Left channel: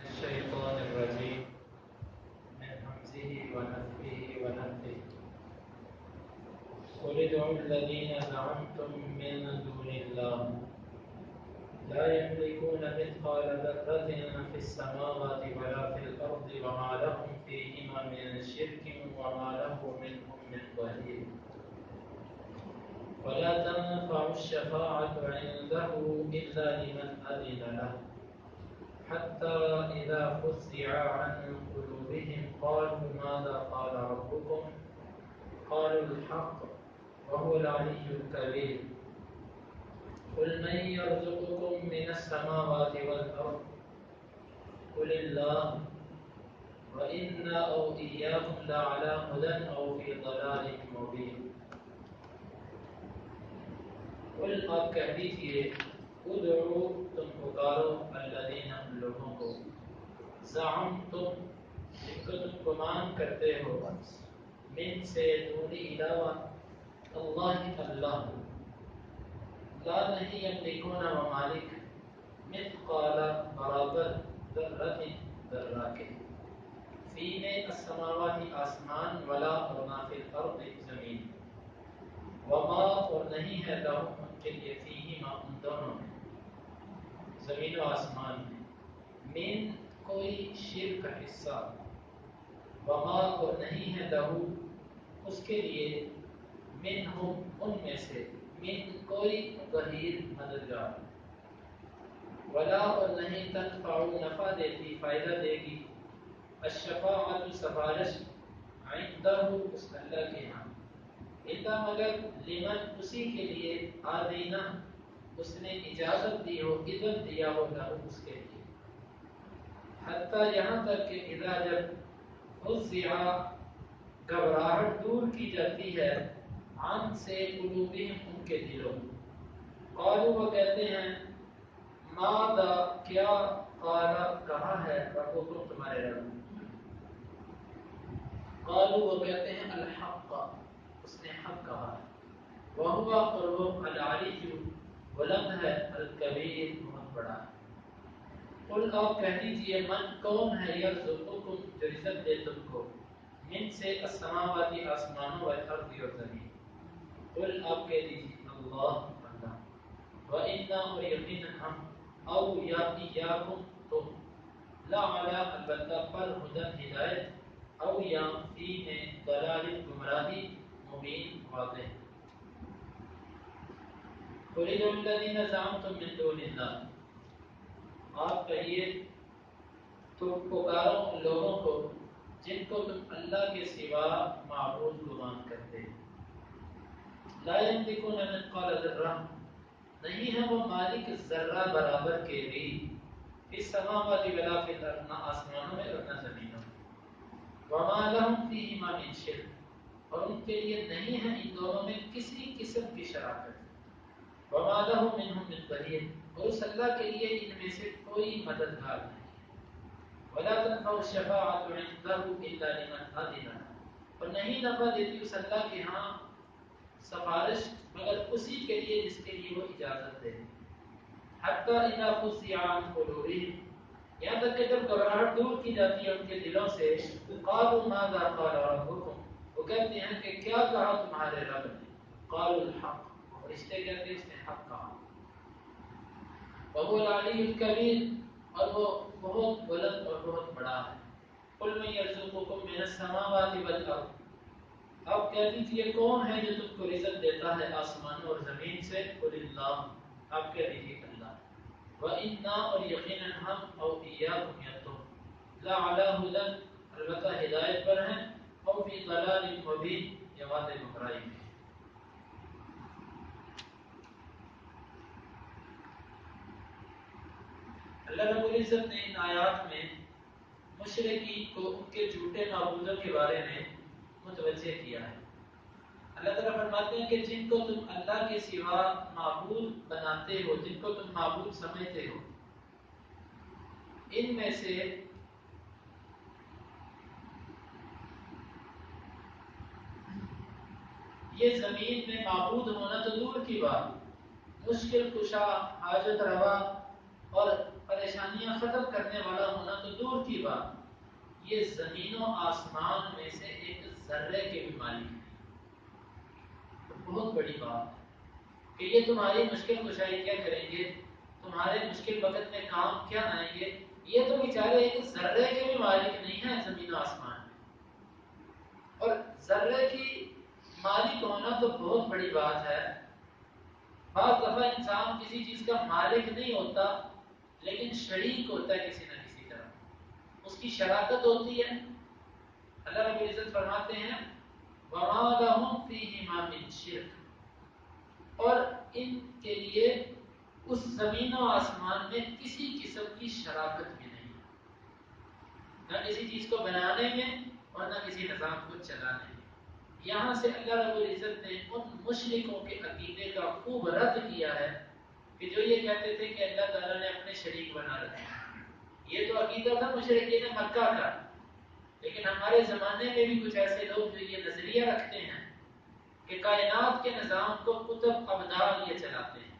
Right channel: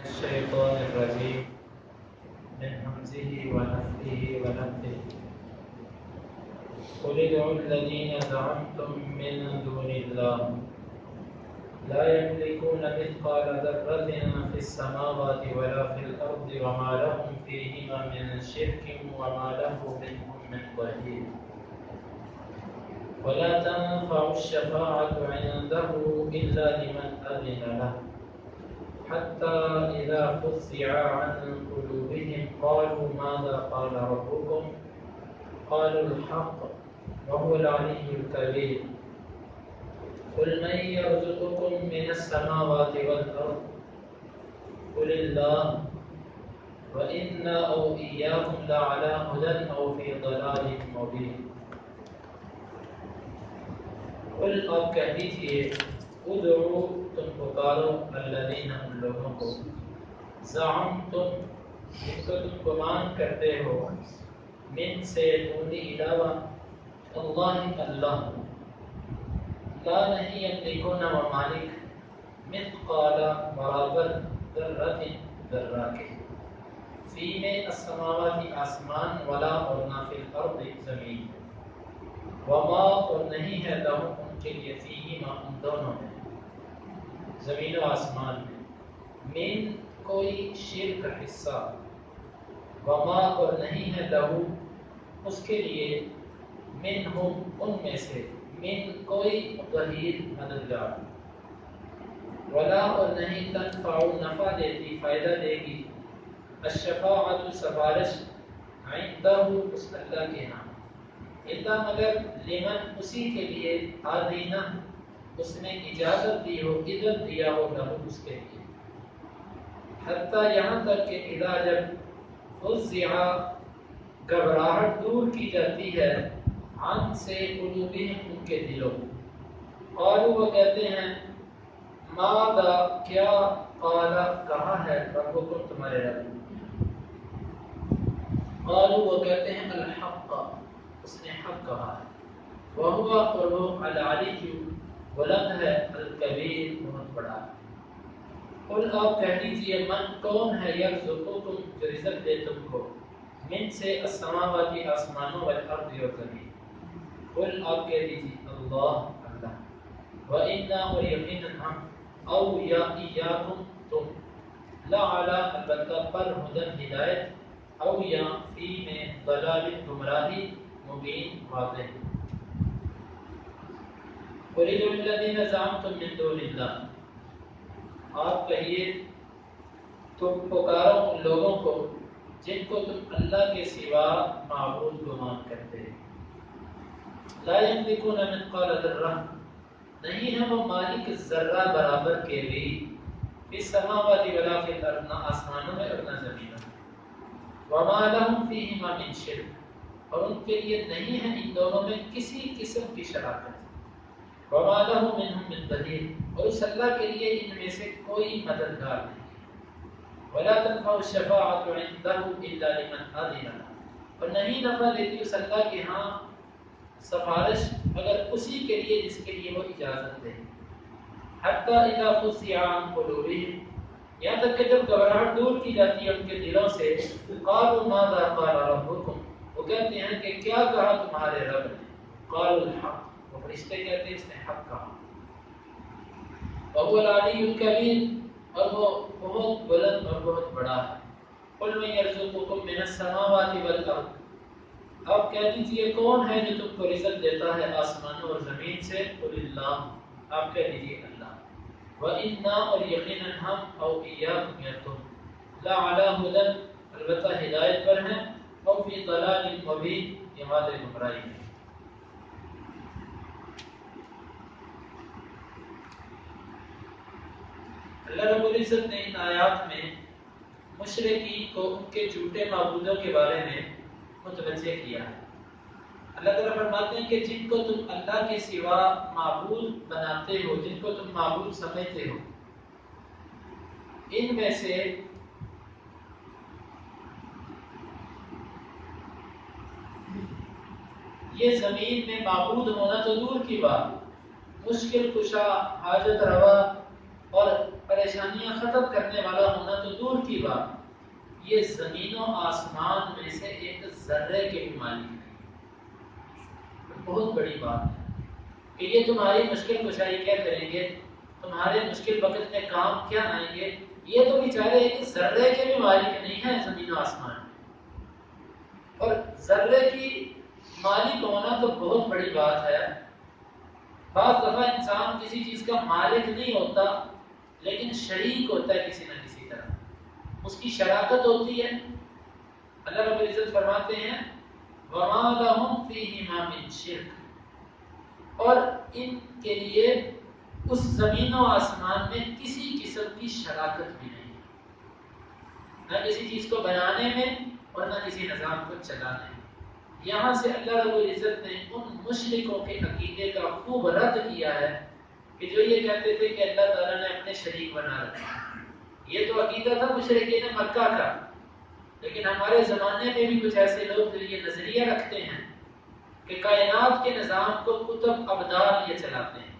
الشيطان الرجيم من همزه ونفخه ونفثه قل ادعوا الذين زعمتم من دون الله لا يملكون مثقال ذرة في السماوات ولا في الأرض وما لهم فيهما من شرك وما له منهم من ظهير ولا تنفع الشفاعة عنده إلا لمن أذن له حتى إذا فزع عن قلوبهم قالوا ماذا قال ربكم قالوا الحق وهو العلي الكبير قل من يرزقكم من السماوات والأرض قل الله وإنا أو إياكم لعلى هدى أو في ضلال مبين قل آپ کہہ دیجئے ادعو تم پکارو الذین ان لوگوں کو زعمتم جن کو تم گمان کرتے ہو من سے دونی علاوہ اللہ لا نہیں یملکون ممالک مثقال برابر ذرۃ ذرہ کے فی میں السماوات آسمان ولا اور نہ فی الارض زمین وما اور نہیں ہے لہم ان کے لیے فیہما ان دونوں میں زمین و آسمان میں من کوئی شرک کا حصہ وما اور نہیں ہے لہو اس کے لیے منہم ان میں سے من کوئی ظہیر مددگار ولا اور نہیں تنفع نفع دیتی فائدہ دے گی الشفاعت سفارش عندہ اس اللہ کے ہاں الا مگر لمن اسی کے لیے آدینہ اس نے اجازت دی ہو اذن دیا ہو لہو اس کے لیے حتیٰ یہاں تک کہ اذا جب فزع گھبراہٹ دور کی جاتی ہے عن سے قلوبہم ان کے دلوں قالوا وہ کہتے ہیں ماذا کیا قال کہا ہے ربکم تمہارے رب قالوا وہ کہتے ہیں الحق اس نے حق کہا ہے وہو اور وہ العلی بلند ہے الکبیر بہت بڑا ہے قل آپ کہہ دیجئے من کون ہے یرزقکم جو رزق دے تم کو من سے السماوات آسمانوں والارض اور زمین قل آپ کہہ دیجئے اللہ وَإِنَّا اور یقیناً ہم او یا ایاکم تم لا علی البتہ پر ہدن ہدایت او یا فی میں ضلال گمراہی مبین واضح قل ادعوا الذین زعمتم من دون اللہ آپ کہیے تم پکارو ان لوگوں کو جن کو تم اللہ کے سوا معبود گمان کرتے لا یملکون مثقال ذرہ نہیں ہے وہ مالک ذرہ برابر کے بھی فی السماوات ولا فی الارض نہ آسمانوں میں اور نہ زمینوں میں وما لهم فیہما من شرک اور ان کے لیے نہیں ہے ان دونوں میں کسی قسم کی شراکت وما له منهم من ظہیر اور اس اللہ کے لیے ان میں سے کوئی مددگار نہیں ولا تنفع الشفاعة عنده الا لمن اذن له اور نہیں نفع دیتی اس اللہ کے ہاں سفارش مگر اسی کے لیے جس کے لیے وہ اجازت دے حتی اذا فزع عن قلوبهم یہاں تک کہ جب گھبراہٹ دور کی جاتی ہے ان کے دلوں سے قالوا ماذا قال ربكم وہ کہتے ہیں کہ کیا کہا تمہارے رب نے قالوا الحق وہ فرشتے کہتے ہیں اس نے حق کہا وهو العلی الکبیر اور وہ بہت بلند اور بہت بڑا ہے قل من یرزقکم من السماوات والارض اب کہہ دیجئے کون ہے جو تم کو رزق دیتا ہے آسمانوں اور زمین سے قل اللہ آپ کہہ دیجئے اللہ وَإِنَّا اور یقیناً ہم او ایاکم یا تم لا علی ہدن البتہ ہدایت پر ہیں او فی ضلال مبین یا واضح گمراہی میں اللہ رب العزت نے ان آیات میں مشرکین کو ان کے جھوٹے معبودوں کے بارے میں متوجہ کیا ہے اللہ تعالیٰ فرماتے ہیں کہ جن کو تم اللہ کے سوا معبود بناتے ہو جن کو تم معبود سمجھتے ہو ان میں سے یہ زمین میں معبود ہونا تو دور کی بات مشکل کشا حاجت روا اور پریشانیاں ختم کرنے والا ہونا تو دور کی بات، یہ زمین و آسمان میں سے ایک ذرے کے بھی مالک نہیں۔ بہت بڑی بات ہے کہ یہ تمہاری مشکل کشائی کیا کریں گے، تمہارے مشکل وقت میں کام کیا آئیں گے، یہ تو بیچارے ایک ذرے کے بھی مالک نہیں ہیں زمین و آسمان میں۔ اور ذرے کی مالک ہونا تو بہت بڑی بات ہے۔ بعض دفعہ انسان کسی چیز کا مالک نہیں ہوتا لیکن شریک ہوتا ہے کسی نہ کسی طرح، اس کی شراکت ہوتی ہے۔ اللہ رب العزت فرماتے ہیں وَمَا لَهُمْ فِيهِمَا مِنْ شِرْكٍ، اور ان کے لیے اس زمین و آسمان میں کسی قسم کی شراکت بھی نہیں، نہ کسی چیز کو بنانے میں اور نہ کسی نظام کو چلانے میں۔ یہاں سے اللہ رب العزت نے ان مشرکوں کے عقیدے کا خوب رد کیا ہے کہ جو یہ کہتے تھے کہ اللہ تعالیٰ نے اپنے شریک بنا رکھا۔ یہ تو عقیدہ تھا مشرکین مکہ کا، لیکن ہمارے زمانے میں بھی کچھ ایسے لوگ جو یہ نظریہ رکھتے ہیں کہ کائنات کے نظام کو کتب ابدال یہ چلاتے ہیں،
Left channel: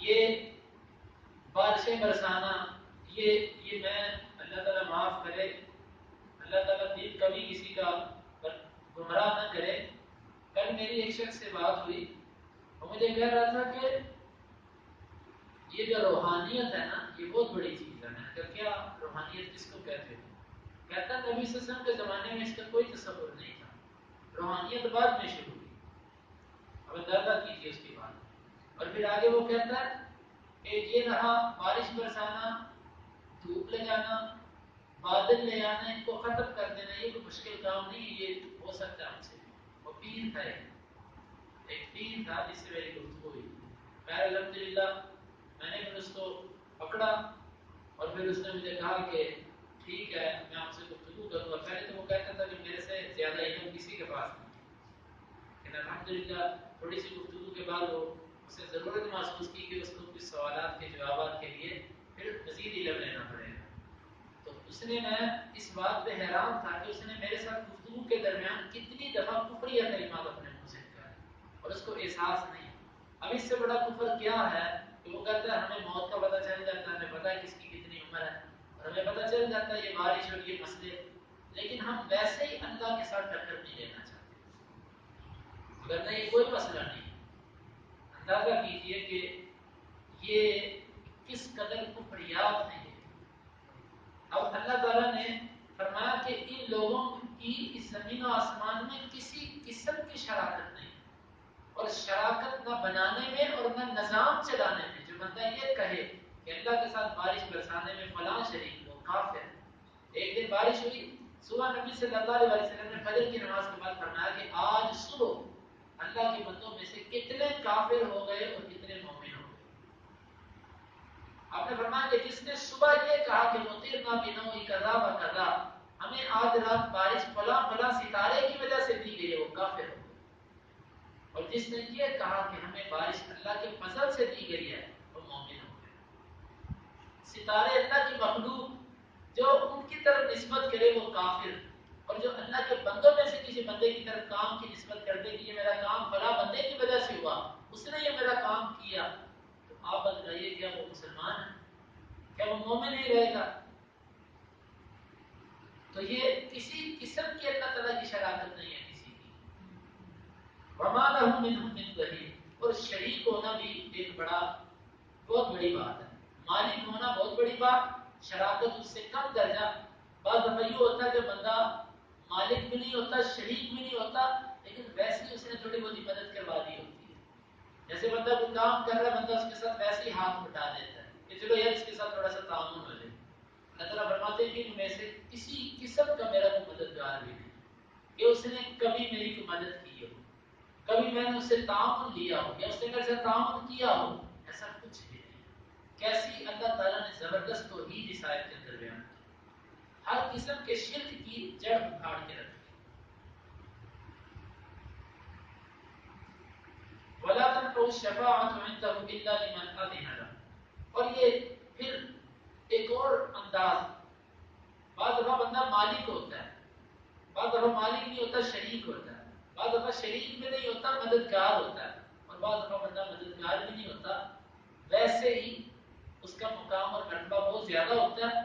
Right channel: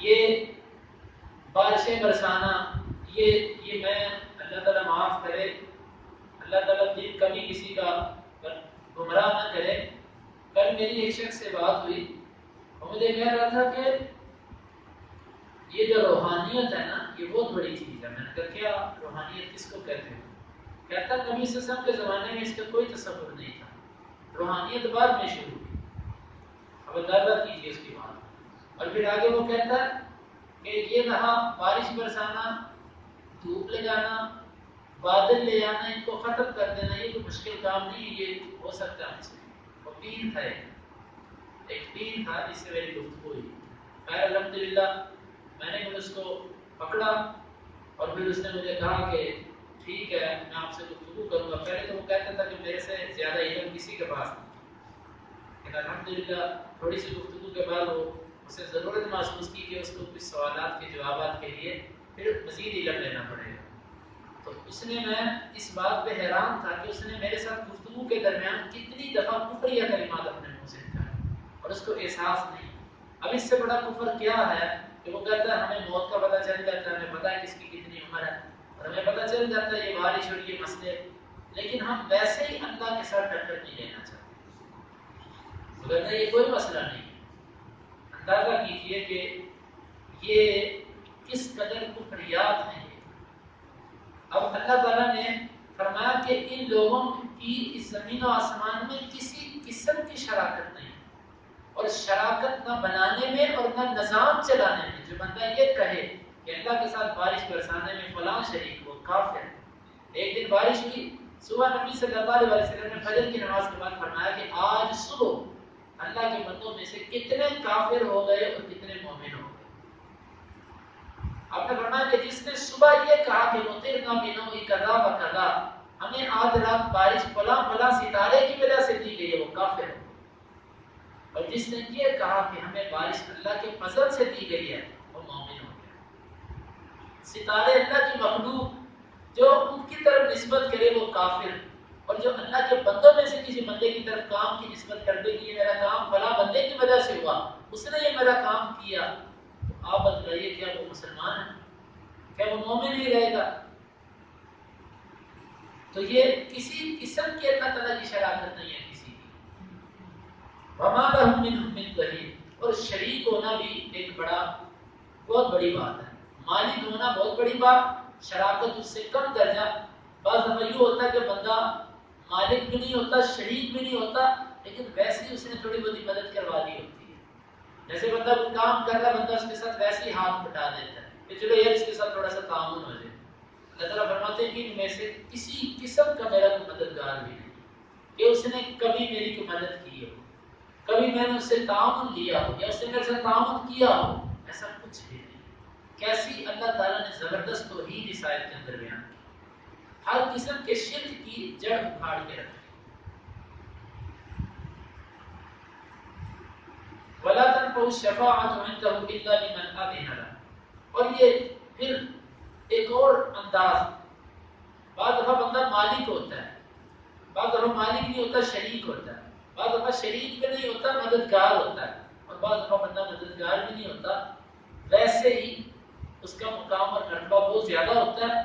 یہ بارشیں برسانا، یہ میں اللہ تعالیٰ معاف کرے، اللہ تعالیٰ دل کبھی کسی کا گمراہ نہ کرے۔ کل میری ایک شخص سے بات ہوئی، وہ مجھے کہہ رہا تھا کہ یہ جو روحانیت ہے نا یہ بہت بڑی چیز ہے۔ میں نے کہا کیا روحانیت کس کو کہتے ہیں؟ کہتا نبی صلی اللہ علیہ وسلم کے زمانے میں اس کا کوئی تصور نہیں تھا، روحانیت بعد میں شروع ہوئی۔ اب اندازہ کیجیے اس کی بات۔ اور پھر آگے وہ کہتا ہے کہ یہ رہا بارش برسانا، دھوپ لگانا، بادل لے آنا، ان کو ختم کر دینا، یہ کوئی مشکل کام نہیں ہے، یہ ہو سکتا ہے ہم سے۔ وہ پیر تھا، ایک پیر تھا جس سے میری گفتگو ہوئی۔ خیر الحمدللہ میں نے پھر اس کو پکڑا اور پھر اس نے مجھے کہا کہ ٹھیک ہے میں آپ سے گفتگو کروں گا۔ پہلے تو وہ کہتا تھا کہ میرے سے زیادہ علم کسی کے پاس نہیں، لیکن الحمدللہ تھوڑی سی گفتگو کے بعد وہ اسے ضرورت محسوس کی کہ اس کو کچھ سوالات کے جوابات کے لیے پھر مزید علم لینا پڑے گا۔ تو اس نے، میں اس بات پہ حیران تھا کہ اس نے میرے ساتھ گفتگو کے درمیان کتنی دفعہ کفریہ کلمات اپنے منہ سے نکالے اور اس کو احساس نہیں۔ اب اس سے بڑا کفر کیا ہے کہ وہ کہتا ہے ہمیں موت کا پتہ چل جاتا ہے، ہمیں پتہ ہے کس کی کتنی عمر ہے، اور ہمیں پتہ چل جاتا ہے یہ بارش اور یہ مسئلے، لیکن ہم ویسے ہی اللہ کے ساتھ ٹکر نہیں لینا چاہتے۔ وہ کہتا ہے یہ کوئی مسئلہ نہیں ہے۔ اندازہ کیجئے کہ یہ کس قدر کفریات ہیں۔ اب اللہ تعالیٰ نے فرمایا کہ ان لوگوں کی اس زمین و آسمان میں کسی قسم کی شراکت نہیں، اور شراکت نہ بنانے میں اور نہ نظام چلانے میں۔ جو بندہ یہ کہے کہ اللہ کے ساتھ بارش برسانے میں فلاں شریک، وہ کافر ہے۔ ایک دن بارش ہوئی، صبح نبی صلی اللہ علیہ وسلم نے فجر کی نماز کے بعد فرمایا کہ آج صبح اللہ کے بندوں میں سے کتنے کافر ہو گئے اور کتنے مومن ہو گئے۔ آپ نے فرمایا کہ جس نے صبح یہ کہا کہ مطرنا بنوء کذا و کذا، ہمیں آج رات بارش فلاں فلاں ستارے کی وجہ سے دی گئی ہے، وہ کافر ہو۔ اور جس نے یہ کہا کہ ہمیں بارش اللہ کے فضل سے دی گئی ہے، وہ مومن ہو گیا۔ ستارے اللہ کی مخلوق جو ان کی طرف نسبت کرے وہ کافر، اور جو اللہ کے بندوں میں سے کسی بندے کی طرف کام کی نسبت کر دے کہ یہ میرا کام فلاں بندے کی وجہ سے ہوا، اس نے یہ میرا کام کیا، تو آپ بتائیے کیا وہ مسلمان ہے؟ کیا وہ مومن ہی رہے گا؟ تو یہ کسی قسم کی اللہ تعالیٰ کی شراکت نہیں ہے کسی کی۔ وَمَا لَهُم مِّنْهُم مِّن ظَهِيرٍ، اور شریک ہونا بھی ایک بہت بڑی بات ہے۔ مالک ہونا بہت بڑی بات، شراکت اس سے کم درجہ۔ بعض دفعہ یہ ہوتا ہے کہ بندہ مالک بھی نہیں ہوتا، شریک بھی نہیں ہوتا، لیکن ویسے ہی اس نے تھوڑی بہت مدد کروا دی ہوتی ہے۔ جیسے بندہ کوئی کام کر رہا ہے، بندہ اس کے ساتھ ویسے ہی ہاتھ بٹا دیتا ہے کہ چلو یار اس کے ساتھ تھوڑا سا تعاون ہو جائے۔ اللہ تعالیٰ فرماتے ہیں کہ ان میں سے کسی قسم کا میرا کوئی مددگار بھی نہیں کہ اس نے کبھی میری کوئی مدد کی ہو، کبھی میں نے اس سے تعاون لیا ہو یا اس نے میرے سے تعاون کیا ہو، ایسا کچھ بھی نہیں۔ کیسی اللہ تعالیٰ نے زبردست توحید اس آیت کے اندر بیان کی، ہر قسم کے شرک کی جڑ اکھاڑ کے رکھی۔ وَلَا تَنفَعُ الشَّفَاعَةُ عِندَهُ إِلَّا لِمَنْ أَذِنَ لَهُ، اور یہ پھر ایک اور انداز، بعض دفعہ بندہ مالک ہوتا ہے، بعض دفعہ مالک نہیں ہوتا شریک ہوتا ہے، بعض دفعہ شریک بھی نہیں ہوتا مددگار ہوتا ہے، اور بعض دفعہ بندہ مددگار بھی نہیں ہوتا، ویسے ہی اس کا مقام اور رتبہ بہت زیادہ ہوتا ہے،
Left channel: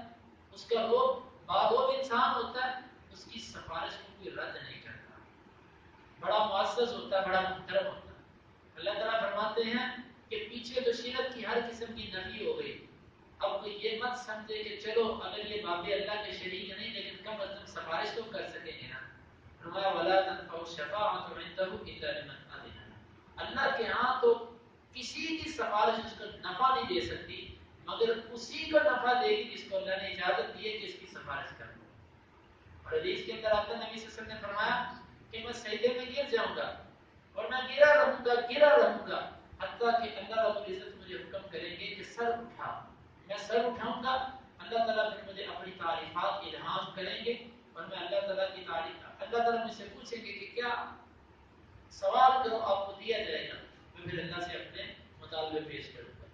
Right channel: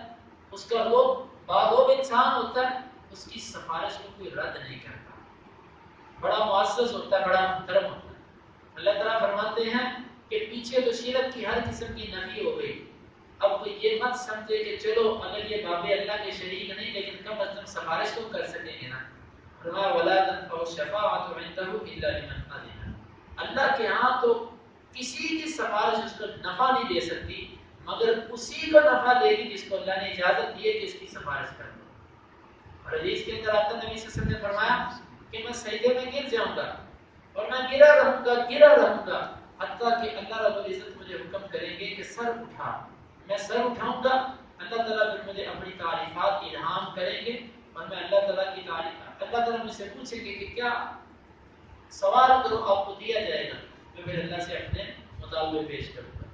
اس کا وہ باغوب انسان ہوتا ہے، اس کی سفارش کو کوئی رد نہیں کرتا، بڑا معزز ہوتا ہے، بڑا محترم ہوتا ہے۔ اللہ تعالیٰ فرماتے ہیں کہ پیچھے بشیرت کی ہر قسم کی نفی ہو گئی، اب کوئی یہ مت سمجھے کہ چلو اگر یہ باب اللہ کے شریک نہیں لیکن کم از کم سفارش تو کر سکیں گے نا۔ فرمایا ولا تنفع الشفاعۃ عنده الا لمن اذن، اللہ کے ہاں تو کسی کی سفارش اس کو نفع نہیں دے سکتی مگر اسی کو نفع دے گی جس کو اللہ نے اجازت دی ہے کہ اس کی سفارش کرو۔ اور حدیث کے اندر آتا نبی صلی اللہ علیہ وسلم نے فرمایا کہ میں سجدے میں گر جاؤں گا اور میں گرا رہوں گا حتیٰ کہ اللہ رب العزت مجھے حکم کریں گے کہ سر اٹھا، میں سر اٹھاؤں گا، اللہ تعالیٰ پھر مجھے اپنی تعریفات الہام کریں گے اور میں اللہ تعالیٰ کی تعریف، اللہ تعالیٰ مجھ سے پوچھیں گے کہ کیا سوال کرو آپ کو دیا جائے گا، میں پھر اللہ سے اپنے مطالبے پیش کروں گا۔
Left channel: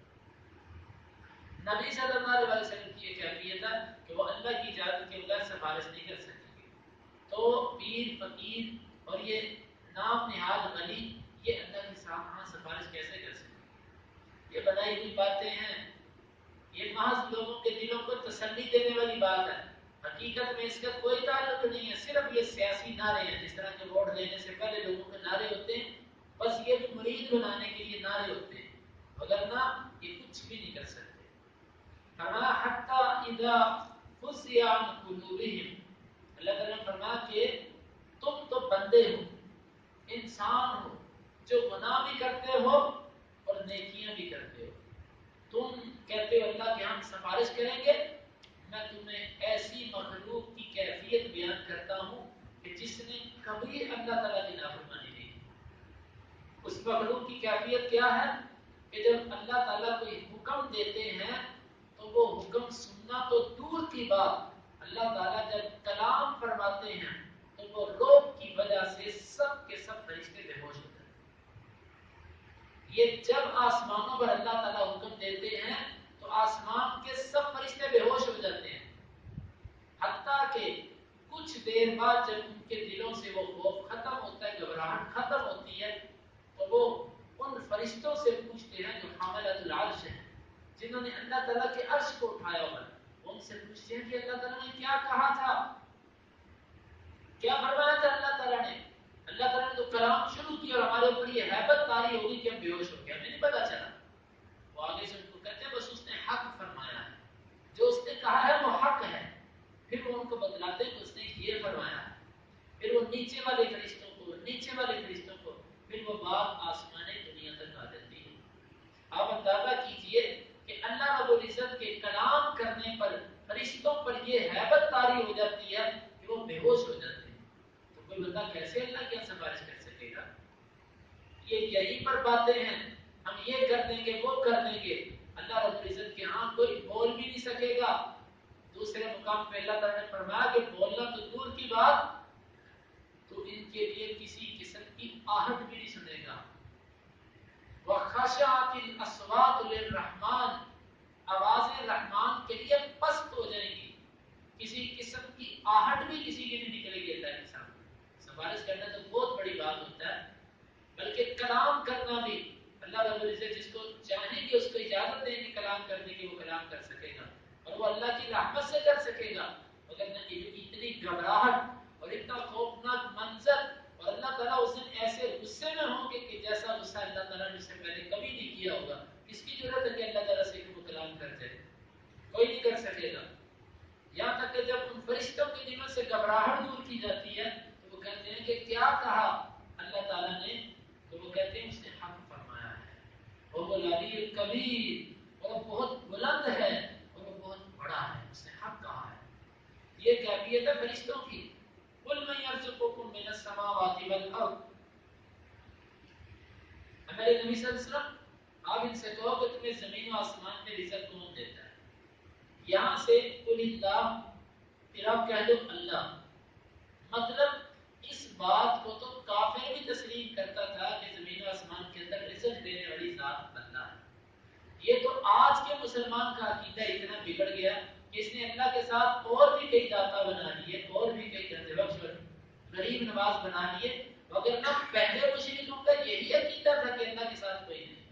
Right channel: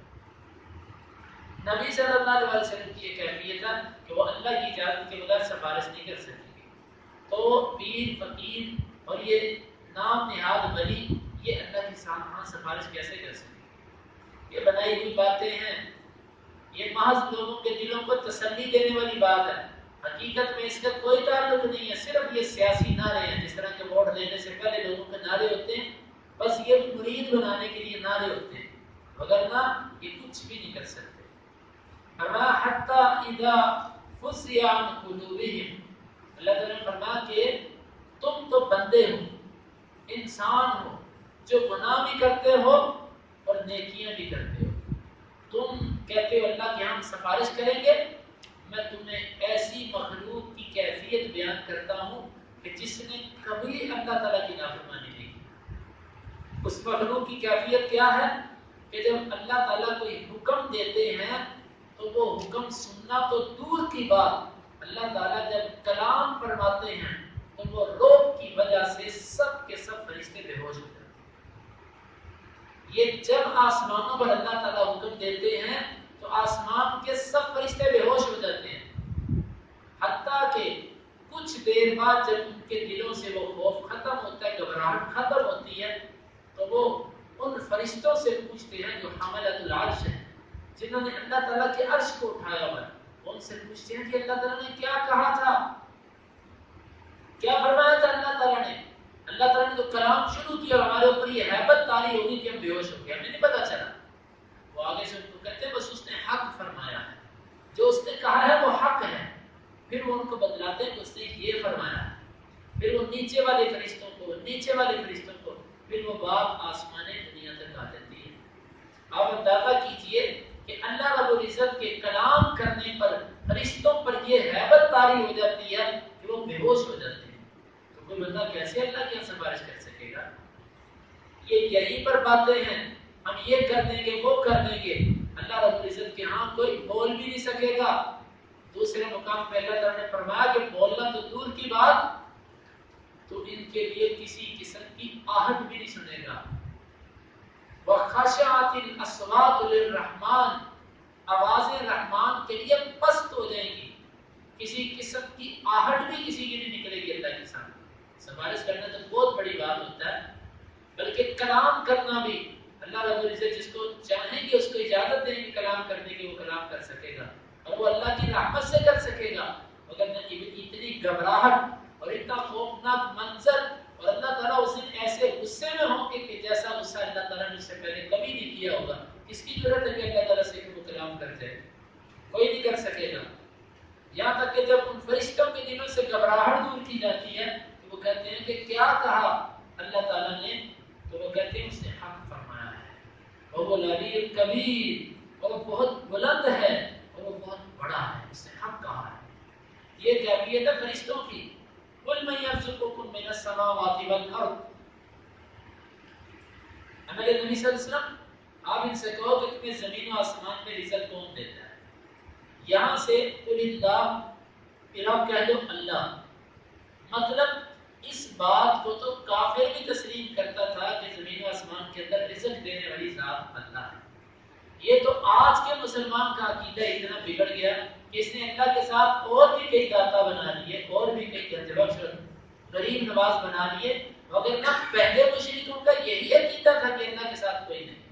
نبی صلی اللہ علیہ وسلم کی یہ کیفیت ہے کہ وہ اللہ کی اجازت کے بغیر سفارش نہیں کر سکیں گے۔ تو پیر فقیر اور یہ نام نہاد ولی یہ اللہ کے سامنے سفارش کیسے کر سکیں گے؟ یہ بنائی ہوئی باتیں ہیں، یہ محض لوگوں کے دلوں کو تسلی دینے والی بات ہے، حقیقت میں اس کا کوئی تعلق نہیں ہے، صرف یہ سیاسی نعرے ہیں، جس طرح کے ووٹ دینے سے پہلے لوگوں کے نعرے ہوتے ہیں، بس یہ مرید بنانے کے لیے نعرے ہوتے ہیں، وگرنہ یہ کچھ بھی نہیں کر سکتے۔ فرمایا حتی اذا فزع عن قلوبہم، اللہ تعالیٰ نے فرمایا کہ تم تو بندے ہو، انسان ہو، جو گناہ بھی کرتے ہو اور نیکیاں بھی کرتے ہو، تم کہتے ہو اللہ کے ہم سفارش کریں گے، میں تمہیں ایسی مخلوق کی کیفیت بیان کرتا ہوں کہ جس نے کبھی اللہ تعالیٰ کی نافرمانی نہیں کی۔ اس مخلوق کی کیفیت کیا ہے کہ جب اللہ تعالیٰ کوئی حکم دیتے ہیں تو وہ حکم سننا تو دور کی بات، اللہ تعالیٰ جب کلام فرماتے ہیں تو وہ روب کی وجہ سے سب کے سب فرشتے بے ہوش ہو جاتے ہیں۔ یہ جب آسمانوں پر اللہ تعالیٰ حکم دیتے ہیں تو آسمان کے سب فرشتے بے ہوش ہو جاتے ہیں، حتیٰ کہ کچھ دیر بعد جب ان کے دلوں سے وہ خوف ختم ہوتا ہے، گھبراہٹ ختم ہوتی ہے، تو وہ ان فرشتوں سے پوچھتے ہیں جو حاملۃ العرش ہیں، جنہوں نے اللہ تعالیٰ کے عرش کو اٹھایا ہوا ہے، ان سے پوچھتے ہیں کہ اللہ تعالیٰ نے کیا کہا تھا، کیا فرمایا تھا اللہ تعالیٰ نے؟ اللہ تعالیٰ نے تو کلام شروع کیا اور ہمارے اوپر یہ ہیبت طاری ہوگی کہ ہم بے ہوش ہو گئے، ہمیں نہیں پتا چلا۔ وہ آگے سے ان کو کہتے ہیں بس اس نے حق فرمایا ہے، جو اس نے کہا ہے وہ حق ہے۔ پھر وہ ان کو بتلاتے ہیں کہ اس نے یہ فرمایا ہے، پھر وہ نیچے والے فرشتوں کو پھر وہ بات آسمان دنیا تک آ جاتی ہے۔ آپ اندازہ کیجئے کہ اللہ رب العزت کے کلام کرنے پر فرشتوں پر یہ ہیبت طاری ہو جاتی ہے کہ وہ بے ہوش ہو جاتے ہیں، تو کوئی بندہ کیسے اللہ کی سفارش کر سکے گا؟ یہ یہی پر باتیں ہیں، ہم یہ کر دیں گے وہ کر دیں گے، اللہ رب العزت کے ہاں کوئی بول بھی نہیں سکے گا۔ دوسرے مقام پہ اللہ تعالیٰ نے فرمایا کہ بولنا تو دور کی بات، تو ان کے لیے کسی قسم کی آہٹ بھی نہیں سنے گا۔ وَخَشَعَتِ الْأَصْوَاتُ لِلرَّحْمَنِ، آوازیں رحمان کے لیے پست ہو جائیں گی، کسی قسم کی آہٹ بھی کسی کی نہیں نکلے گی اللہ کے سامنے۔ سفارش کرنا تو بہت بڑی بات ہوتا ہے، بلکہ کلام کرنا بھی اللہ رب العزت جس کو چاہیں گے اس کو اجازت دیں گے کلام کرنے کی، وہ کلام کر سکے گا اور وہ اللہ کی رحمت سے کر سکے گا۔ مگر اتنی گھبراہٹ اور اتنا خوفناک منظر، اور اللہ تعالیٰ اس دن ایسے غصے میں ہوں گے کہ جیسا غصہ اللہ تعالیٰ نے اس سے پہلے کبھی نہیں کیا ہوگا۔ کس کی ضرورت ہے کہ اللہ تعالیٰ سے کہ وہ کلام کر جائے؟ کوئی نہیں کر سکے گا۔ یہاں تک کہ جب ان فرشتوں کے دلوں سے گھبراہٹ دور کی جاتی ہے تو وہ کہتے ہیں کہ کیا کہا اللہ تعالیٰ نے؟ تو وہ کہتے ہیں اس نے حق فرمایا ہے، وہ العلی الکبیر، اور وہ بہت بلند ہے اور وہ بہت بڑا ہے، اس نے حق کہا ہے۔ یہ کیفیت ہے فرشتوں کی۔ قُلْ مَن يَرْزُقُكُم مِّنَ السَّمَاوَاتِ وَالْأَرْضِ، ہمارے نبی صلی اللہ علیہ وسلم آپ ان سے کہو کہ تمہیں زمین و آسمان میں رزق کون دیتا ہے؟ یہاں سے قُلِ اللَّهُ، پھر آپ کہہ دو اللہ۔ مطلب اس بات کو تو کافر بھی تسلیم کرتا تھا کہ زمین و آسمان کے اندر رزق دینے والی ذات اللہ ہے۔ یہ تو آج کے مسلمان کا عقیدہ اتنا بگڑ گیا کہ اس نے اللہ کے ساتھ اور بھی کئی داتا بنا لیے، اور بھی کئی گنج بخش غریب نواز بنا لیے، وگرنہ پہلے مشرکوں کا یہی عقیدہ تھا کہ اللہ کے ساتھ کوئی نہیں۔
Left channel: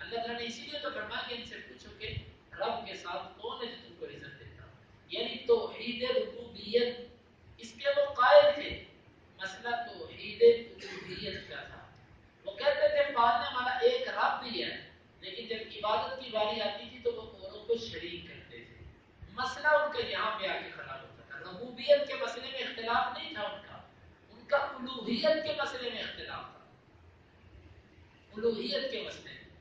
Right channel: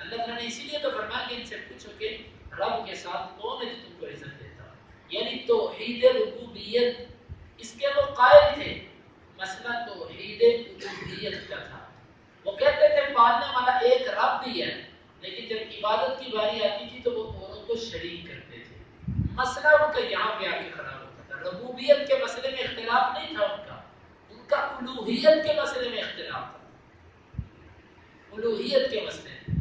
اللہ تعالیٰ نے اسی لیے تو فرمایا کہ ان سے پوچھو کہ رب کے ساتھ کون ہے جو تم کو رزق دیتا؟ یعنی توحید ربوبیت اس کے وہ قائل تھے. مسئلہ توحید الوہیت کا تھا. وہ کہتے تھے پالنے والا ایک رب بھی ہے، لیکن جب عبادت کی باری آتی تھی تو وہ اوروں کو شریک کرتے تھے. مسئلہ ان کا یہاں پہ آ کے خراب ہوتا تھا. ربوبیت کے مسئلے میں اختلاف نہیں تھا ان کا الوہیت کے مسئلے میں اختلاف تھا. الوہیت کے مسئلے میں.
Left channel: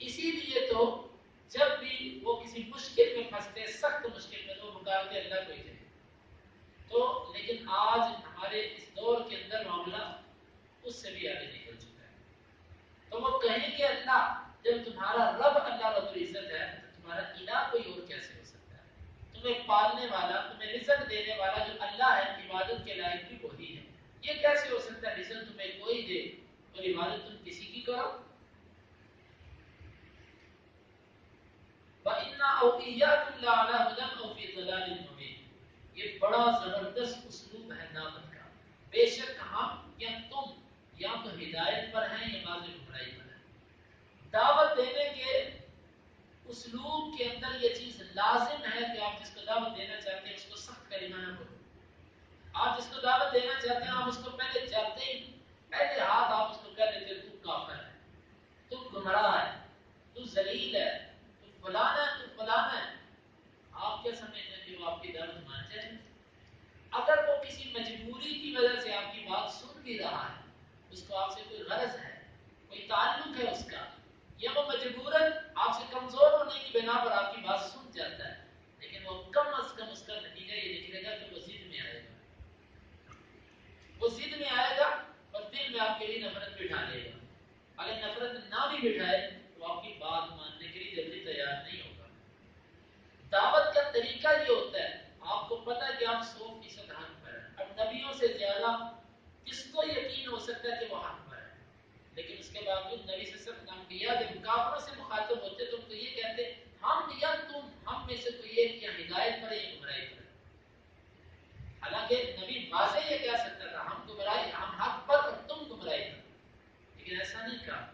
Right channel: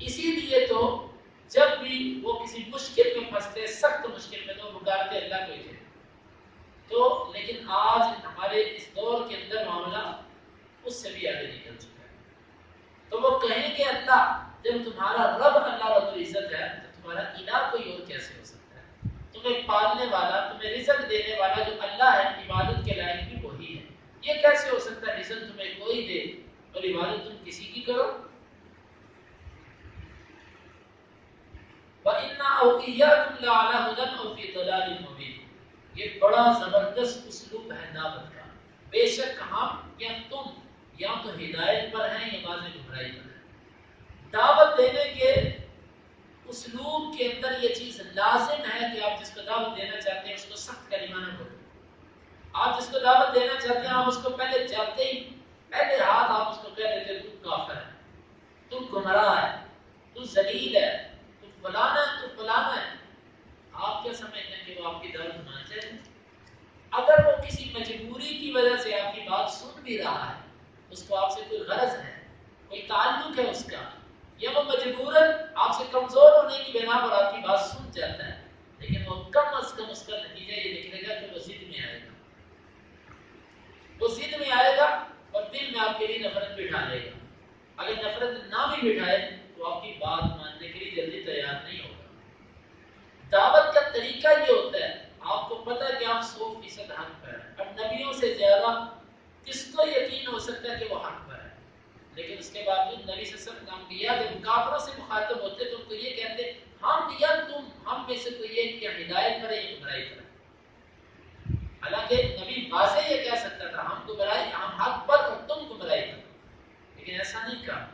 اسی لیے تو جب بھی وہ کسی مشکل میں پھنستے، سخت مشکل میں، تو پکارتے اللہ کو ہی تھے. تو لیکن آج ہمارے اس دور کے اندر معاملہ اس سے بھی آگے نکل چکا ہے. تو وہ کہیں گے اللہ، جب تمہارا رب اللہ رب العزت ہے تو تمہارا الہ کوئی اور کیسے ہو سکتا ہے؟ تمہیں پالنے والا، تمہیں رزق دینے والا جو اللہ ہے، عبادت کے لائق بھی وہی ہے. یہ کیسے ہو سکتا ہے رزق تمہیں کوئی دے اور عبادت تم کسی کی کرو؟ وَإِنَّا أَوْ إِيَّاكُمْ لَعَلَىٰ هُدًى أَوْ فِي ضَلَالٍ مُّبِينٍ. یہ بڑا زبردست اسلوب ہے دعوت کا. بے شک ہم یا تم یا تو ہدایت پر ہیں یا بعض گمراہی پر ہیں. دعوت دینے کے اسلوب کے اندر یہ چیز لازم ہے کہ آپ جس کو دعوت دینا چاہتے ہیں اس کو سخت کلمہ نہ بولیں. آپ جس کو دعوت دینا چاہتے ہیں آپ اس کو پہلے جاتے ہی پہلے ہاتھ آپ اس کو کہہ دیتے تو کافر ہے، تو گمراہ ہے، تو ذلیل ہے، تو فلانا ہے، تو فلانا ہے. آپ کیا سمجھتے ہیں کہ وہ آپ کی دعوت مان جائے؟ اگر وہ کسی مجبوری کی وجہ سے آپ کی بات سن بھی رہا ہے، اس کو آپ سے کوئی غرض ہے، کوئی تعلق ہے اس کا، یا وہ مجبوراً آپ سے کمزور ہونے کی بنا پر آپ کی بات سن جاتا ہے، لیکن وہ کم از کم اس کا نتیجہ یہ نکلے گا کہ وہ ضد میں آئے گا. وہ ضد میں آئے گا اور دل میں آپ کے لیے نفرت بٹھا لے گا. اگر نفرت نہ بھی بٹھائے تو آپ کی بات ماننے کے لیے جلدی تیار نہیں ہوگا. دعوت کا طریقہ یہ ہوتا ہے، آپ کو پتہ ہے کہ آپ 100% حق پر ہیں. اب نبیوں سے زیادہ کس کو یقین ہو سکتا ہے کہ وہ حق پر ہے؟ لیکن اس کے باوجود نبی صلی اللہ علیہ وسلم انبیاء جب کافروں سے مخاطب ہوتے تو ان کو یہ کہتے ہم یا تم، ہم میں سے کوئی ایک یا ہدایت پر ہے یا گمراہی پر ہے. حالانکہ نبی واضح یہ کہہ سکتا تھا ہم گمراہی، ہم حق پر اور تم گمراہی پر، لیکن ایسا نہیں کہا.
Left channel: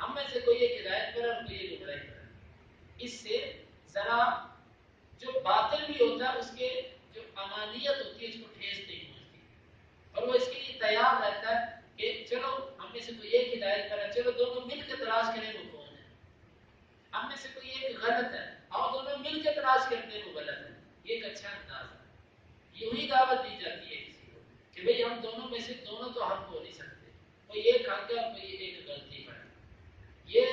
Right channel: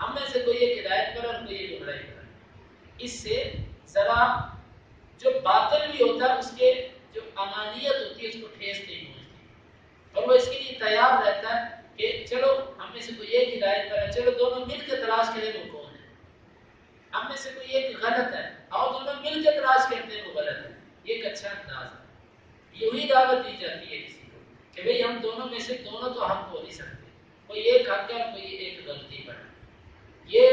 ہم میں سے کوئی ایک ہدایت پر اور کوئی ایک گمراہی پر ہے. اس سے ذرا جو باطل بھی ہوتا ہے اس کے جو انانیت ہوتی ہے اس کو ٹھیس نہیں پہنچتی، اور وہ اس کے لیے تیار رہتا ہے کہ چلو ہم میں سے کوئی ایک ہدایت پر ہے، چلو دونوں مل کے تلاش کریں وہ کون ہے. ہم میں سے کوئی ایک غلط ہے، آؤ دونوں مل کے تلاش کرتے ہیں وہ غلط ہے. یہ ایک اچھا انداز ہے. یہی دعوت دی جاتی ہے کسی کو کہ بھئی ہم دونوں میں سے دونوں تو حق ہو نہیں سکتے، کوئی ایک حق ہے اور کوئی ایک غلطی پر ہے. یہ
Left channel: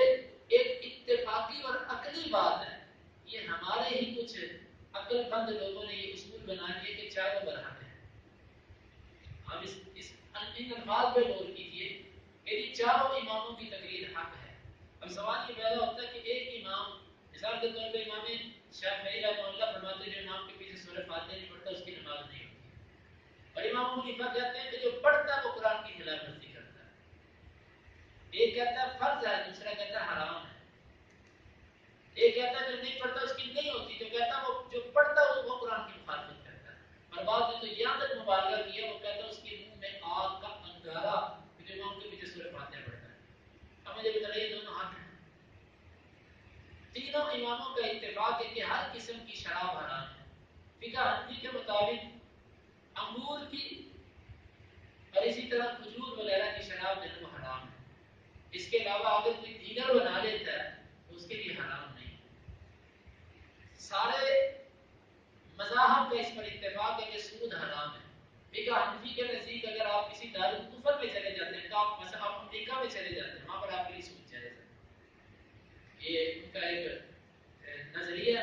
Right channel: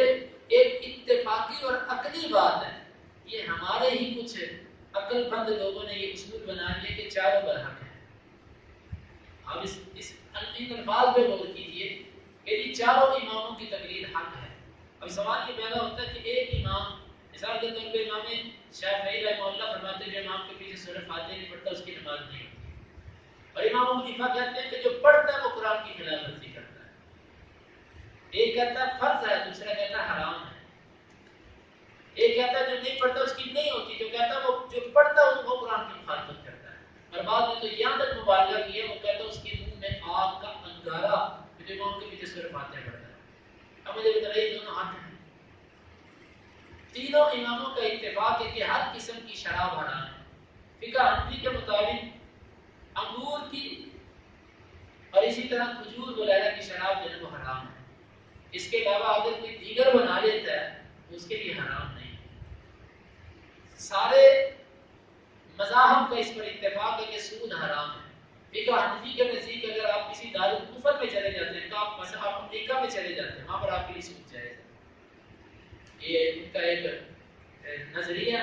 ایک اتفاقی اور عقلی بات ہے. یہ ہمارے ہی کچھ عقل مند لوگوں نے یہ اصول بنا لیا کہ چاروں برحق ہیں. اب ان الفاظ پہ غور کیجیے کہ یہ چاروں اماموں کی تقریر حق ہے. اب سوال یہ پیدا ہوتا ہے کہ ایک امام، مثال کے طور پہ امام شافعی رحمہ اللہ فرماتے ہیں جو امام کے پیچھے سورہ فاتحہ نہیں پڑھتا اس کی نماز نہیں ہوتی، اور امام ابو حنیفہ کہتے ہیں کہ جو پڑھتا ہے وہ قرآن کی خلاف ورزی کرتا ہے. ایک کہتا ہے فرض ہے، دوسرا کہتا ہے حرام ہے. ایک کہتا ہے جو نہیں پڑھتا اس کی نہیں ہوتی، جو کہتا ہے وہ جو پڑھتا ہے وہ قرآن کی مخالفت کرتا ہے. اور بعد میں تو یہاں تک مبالغہ کیا، وہ کہتا ہے اس کے منہ میں آگ کا انگارہ جو امام کے پیچھے سورہ فاتحہ پڑھتا ہے. اب مجھے بتائیے دونوں حق ہیں. تینوں اماموں کا اتفاق ہے کہ ہر قسم کی شراب حرام ہے. فقہ حنفی کے مطابق انگور کی اور اسی طرح کھجور وغیرہ کی شراب جو ہے وہ حرام ہے. اس کے علاوہ اگر کوئی دیگر بنا لیتا ہے تو اس کے لیے حرام نہیں. سارے مذاہب کا اس پر اتفاق ہے کہ سود حرام ہے. فقہ حنفی کے نزدیک اگر آپ کسی دارالکفر میں چلے جاتے ہیں تو آپ مثلا آپ امریکہ میں چلے جاتے ہیں، وہاں پر آپ کے لیے سود جائز ہے. یہ ان کا ایک نظریہ.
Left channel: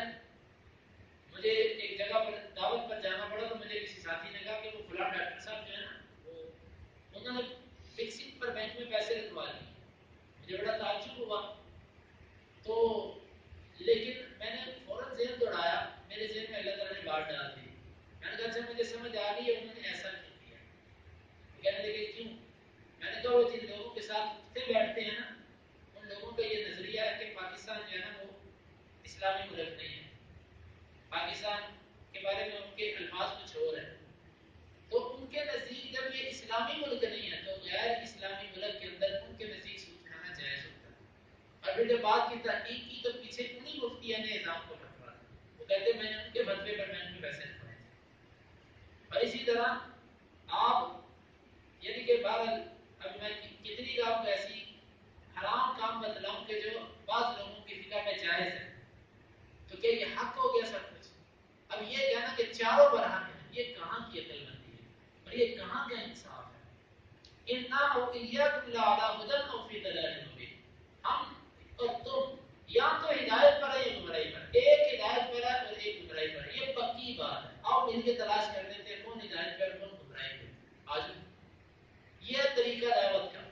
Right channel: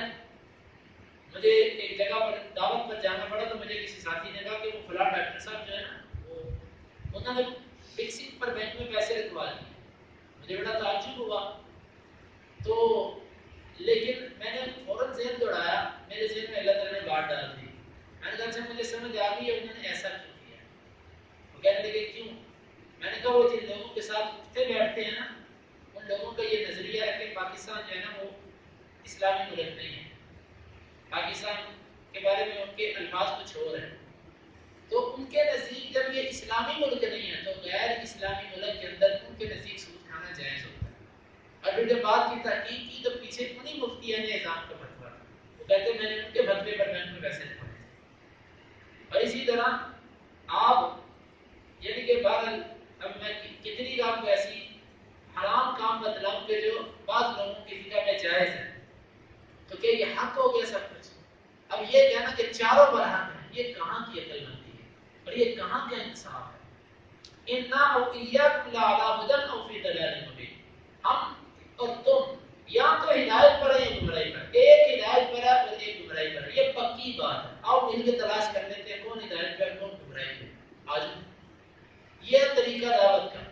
مجھے ایک جگہ پر دعوت پر جانا پڑا تو مجھے کسی ساتھی نے کہا کہ وہ فلاں ڈاکٹر صاحب جو ہے نا وہ انہوں نے فکسنگ پر بینک میں پیسے رکھوا لیے. مجھے بڑا تعجب ہوا. تو لیکن میں نے فوراً ذہن دوڑایا، میرے ذہن میں اللہ تعالیٰ نے بات ڈال دی. میں نے کہا اچھا مجھے سمجھ آ گئی ہے انہوں نے ایسا کیوں کیا. وہ کہنے لگے کیوں؟ میں نے کہا وہ جن لوگوں کے ساتھ اٹھتے بیٹھتے ہیں نا ان لوگوں کا یہ نظریہ ہے کہ پاکستان جو ہے نا وہ اسلامی ملک نہیں ہے. پاکستان کے بارے میں ان کے الفاظ کچھ اور ہیں. تو ان کے نزدیک جب یہ اسلامی ملک نہیں ہے تو غیر اسلامی ملک کے اندر ان کے نزدیک سود کھانا جائز ہوتا ہے. اور پھر جب بات کی تحقیق کی تو پیچھے انہی مفتیوں نے نظام کا فتویٰ تھا، وہ کہتے میں نے ان کے فتوے پر میں ان کو ویسے پڑھے تھے۔ اور اسی طرح آپ یعنی کہ بہرحال اب میں کتنی آپ کو ایسی حرام کام بتلاؤں کہ جو بعض لوگوں کی فکر میں جائز ہے، تو کیا یہ حق ہو گیا سب کچھ؟ اب یہ کہنا کہ چاروں پر حق ہے، یہ کہاں کی عقل مندی ہے اور یہ کہاں کا انصاف ہے؟ اِنَّا أَوْ إِيَّاكُمْ لَعَلَىٰ هُدًى أَوْ فِي ضَلَالٍ مُّبِينٍ، ہم اور تم یا تو ہدایت پر ہے یا گمراہی پر، ایک ہدایت پر ہے اور ایک گمراہی پر ہے، یہ پکی بات ہے۔ آؤ مل کے تلاش کر لیتے ہیں کون ہدایت پر کون گمراہی پر۔ آج یہ طریقہ دعوت کا،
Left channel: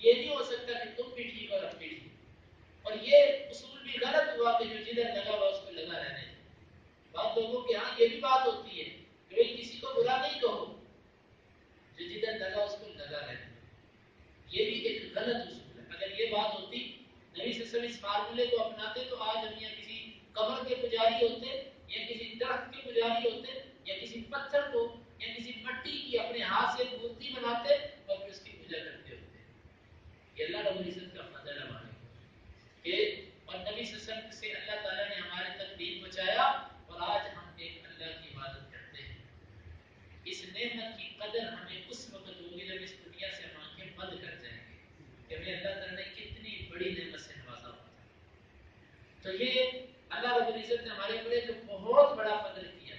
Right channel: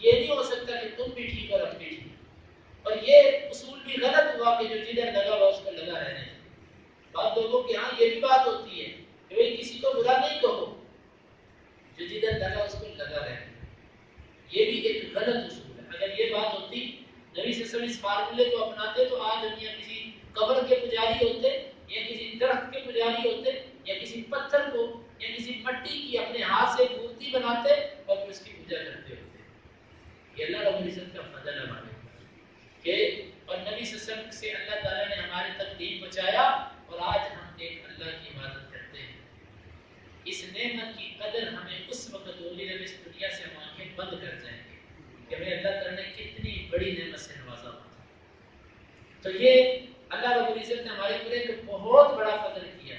یہ نہیں ہو سکتا کہ تم بھی ٹھیک اور ہم بھی ٹھیک، اور یہ اصول بھی غلط ہوا کہ جو جدھر لگا ہوا اس کو لگا رہنے دیں۔ بعض لوگوں کے ہاں یہ بھی بات ہوتی ہے کہ بھئی کسی کو برا نہیں کہو، جو جدھر لگا اس کو لگا رہنے دیں، یہ بھی ایک غلط اصول ہے۔ اگر یہ بات ہوتی نبی صلی اللہ علیہ وسلم اس فارمولے کو اپناتے تو آج ہم یا کسی قبر کے پجاری ہوتے یا کسی درخت کے پجاری ہوتے یا کسی پتھر کو یا کسی مٹی کی اپنے ہاتھ سے مورتی بناتے اور پھر اس کی پوجا کرتے ہوتے۔ یہ اللہ رب العزت کا فضل ہے ہمارے کہ اور نبی صلی اللہ علیہ وسلم سے اللہ تعالیٰ نے ہمارے تک دین پہنچایا اور آج ہم ایک اللہ کی عبادت کرتے ہیں۔ اس نعمت کی قدر ہمیں اس وقت ہوگی جب اس دنیا سے ہم آنکھیں بند کر جائیں گے کہ ہمیں اللہ تعالیٰ نے کتنی بڑی نعمت سے نوازا ہوا تھا۔ تو یہ اللہ رب العزت نے ہمارے اوپر ایک بہت بڑا فضل کیا،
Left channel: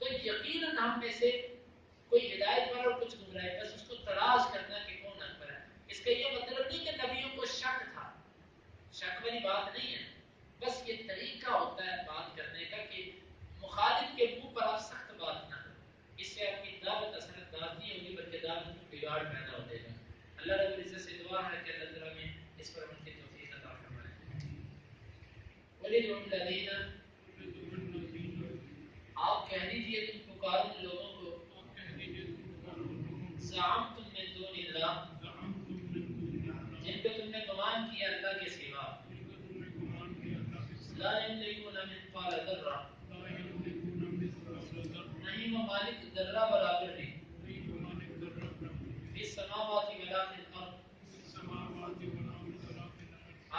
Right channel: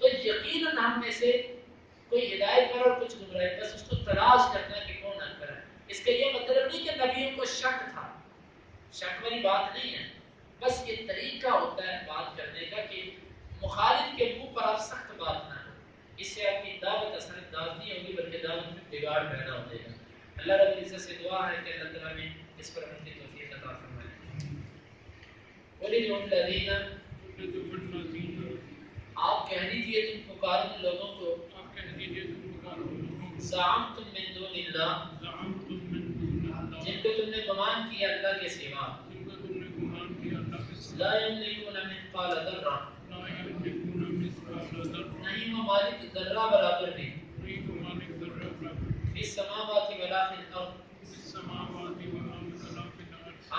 تو یقیناً ہم میں سے کوئی ہدایت پر اور کچھ گمراہی، بس اس کو تلاش کرنا کہ کون حق پر ہے۔ اس کا یہ مطلب نہیں کہ نبیوں کو شک تھا، شک والی بات نہیں ہے، بس یہ طریقہ ہوتا ہے بات کرنے کا کہ مخالف کے منہ پر آپ سخت بات نہ کریں، اس سے آپ کی دعوت اثر انداز نہیں ہوگی بلکہ دعوت میں بگاڑ پیدا ہو جائے گا۔ اللہ رب العزت سے دعا ہے کہ اللہ تعالیٰ میں اس پر عمل کی توفیق عطا فرمائے۔ وَلِدْعُ الَّذِينَ، آپ کہہ دیجئے تم پکارو ان لوگوں کو، زعمتم من دون اللہ، جن کو تم نے گمان کیا اللہ کے سوا، لا یملکون مثقال ذرہ، نہیں وہ مالک ذرہ برابر بھی، فی السماوات ولا فی الارض،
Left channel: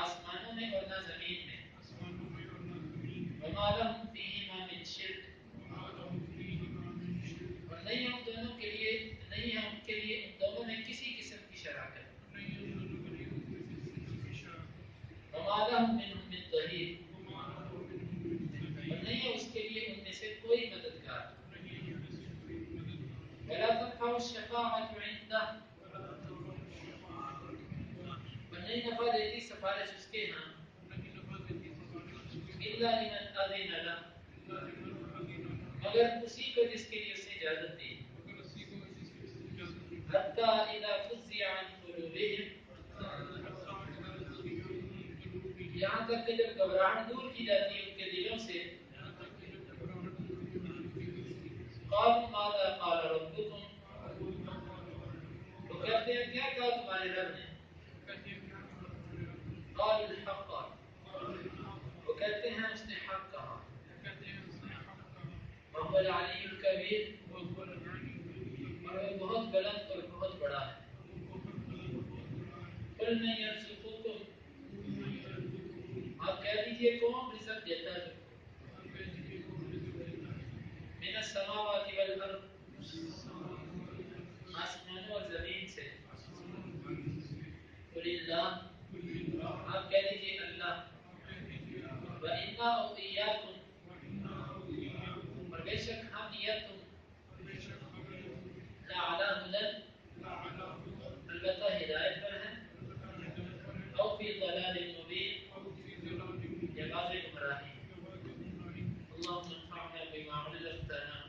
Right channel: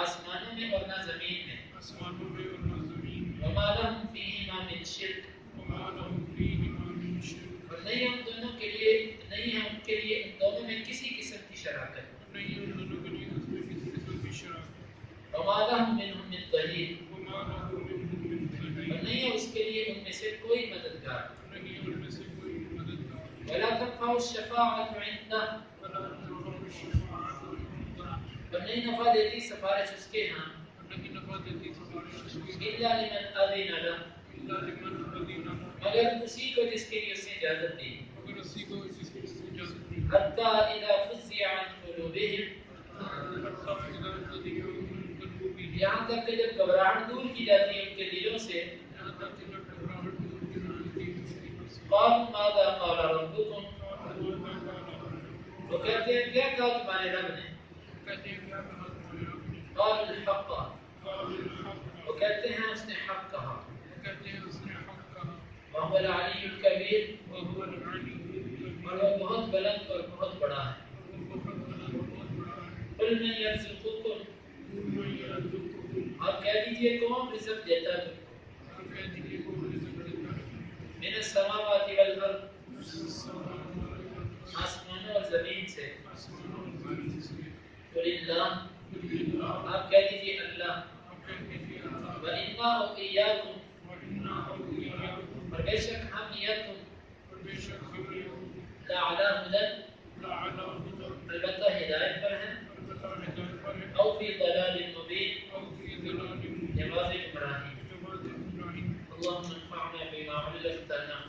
آسمانوں میں اور نہ زمین میں، وما لہم فیہما من شرک، اور نہیں ہم دونوں کے لیے، نہیں ہے ان کے لیے ان دونوں میں کسی قسم کی شراکت، وما لہم منہم من ظہیر، اور نہیں ہے اس کے لیے ان میں سے کوئی مددگار، ولا تنفع الشفاعۃ عندہ، اور نہیں نفع دیتی سفارش اس کے ہاں، الا لمن اذن لہ، مگر اسی کو جس کے لیے اس نے اجازت دی، حتی اذا فزع عن قلوبہم، یہاں تک کہ جب گھبراہٹ دور کی جاتی ہے ان کے دلوں سے، قالوا ماذا قال ربكم، وہ کہتے ہیں کیا کہا تمہارے رب نے، قالوا الحق، وہ کہتے ہیں اس نے حق کہا، وهو العلی الکبیر، اور وہ بہت بلند اور بہت بڑا ہے، قل من یرزقکم، آپ کہہ دیجئے کون رزق دیتا ہے تم کو، من السماوات والارض، آسمانوں اور زمین سے، قل اللہ، آپ کہہ دیجئے اللہ، وَإِنَّا أَوْ إِيَّاكُمْ، اور بے شک ہم یا تم، لَعَلَىٰ هُدًى، البتہ ہدایت پر ہیں، أَوْ فِي ضَلَالٍ مُّبِينٍ، یا واضح گمراہی۔ اللهم انفعنا بما علمتنا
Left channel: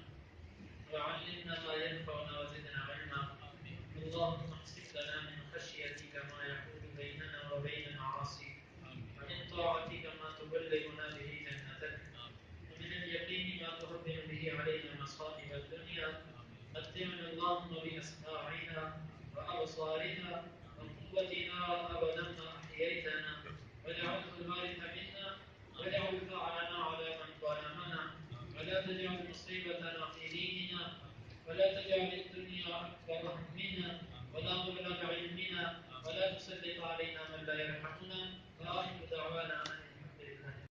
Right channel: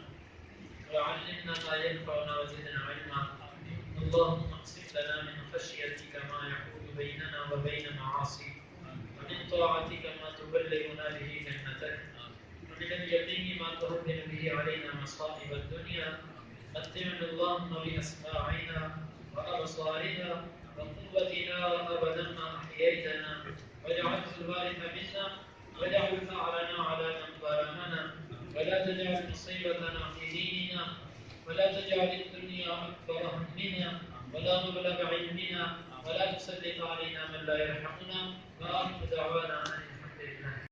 وعلمنا ما ينفعنا وزدنا علما، اللهم اقسم لنا من خشيتك ما يحول بيننا وبين معاصيك، ومن طاعتك ما تبلغنا به جنتك، ومن اليقين ما تهون به علينا مصائب الدنيا، متعنا اللهم بأسماعنا وأبصارنا وقوتنا أبدا ما أحييتنا، واجعله الوارث منا، واجعل ثأرنا على من ظلمنا، ولا تجعل مصيبتنا في ديننا، ولا تجعل